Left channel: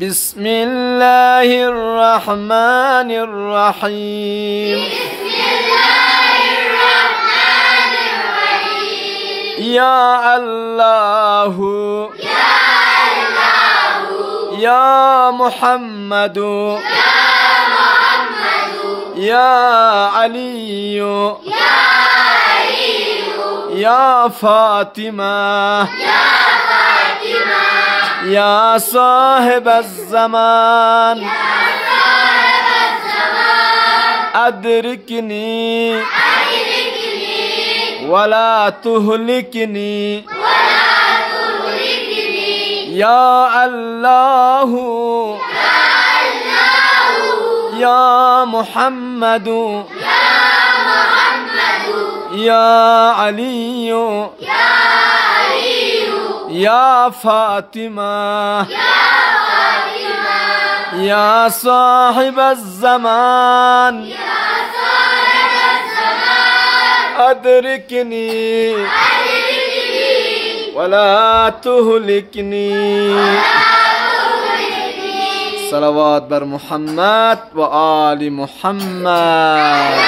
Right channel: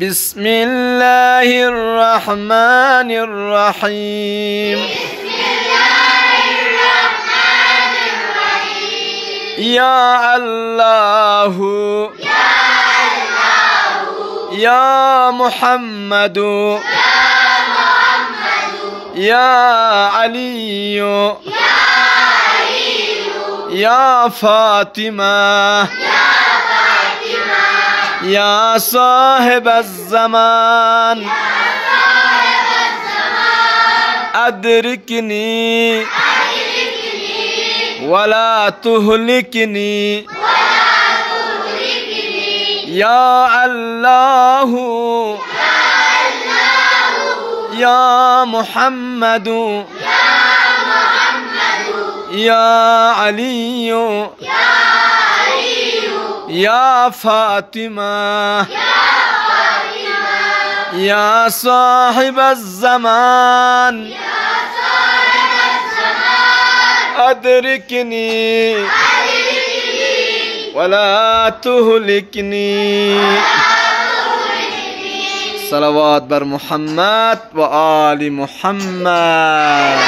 بسم الله الرحمن الرحيم يا الله يا محمد يا علي يا فاطمة يا صاحب الزمان أدركني ولا تهلكني يا الله يا محمد يا علي يا فاطمة يا صاحب الزمان أدركني ولا تهلكني صلوات بر محمد و آل محمد.